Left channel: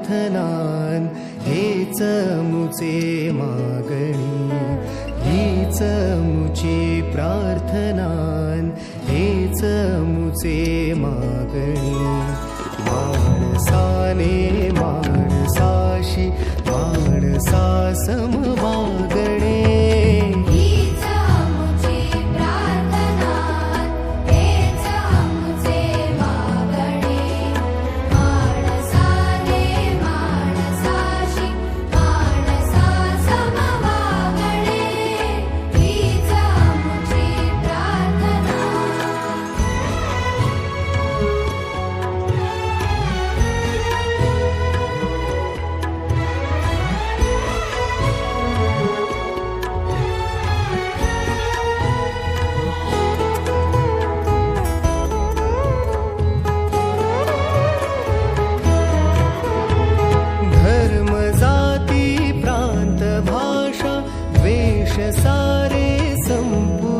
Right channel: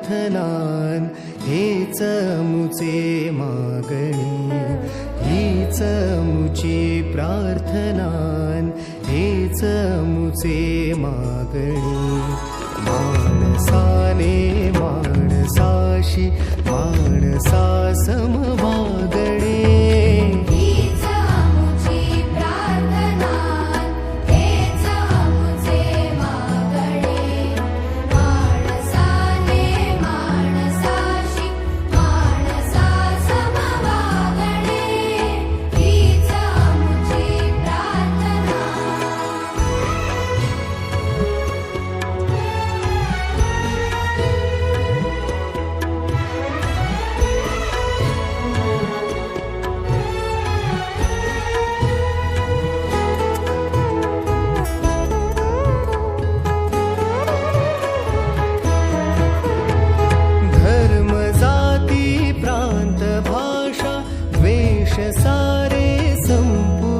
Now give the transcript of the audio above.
प्रार्थनान हेच मुचे मागणी, हीच मुची प्रार्थनान हेच मुचे मागणी. माणसाने माणसाशी माणसा सम वागणे, हीच मुची प्रार्थना हेच मुचे मागणे. माणसाने माणसाशी माणसा सम वागणे, हीच मुची प्रार्थना. धर्म जाती प्रांत भाषा द्वेष सारे संपू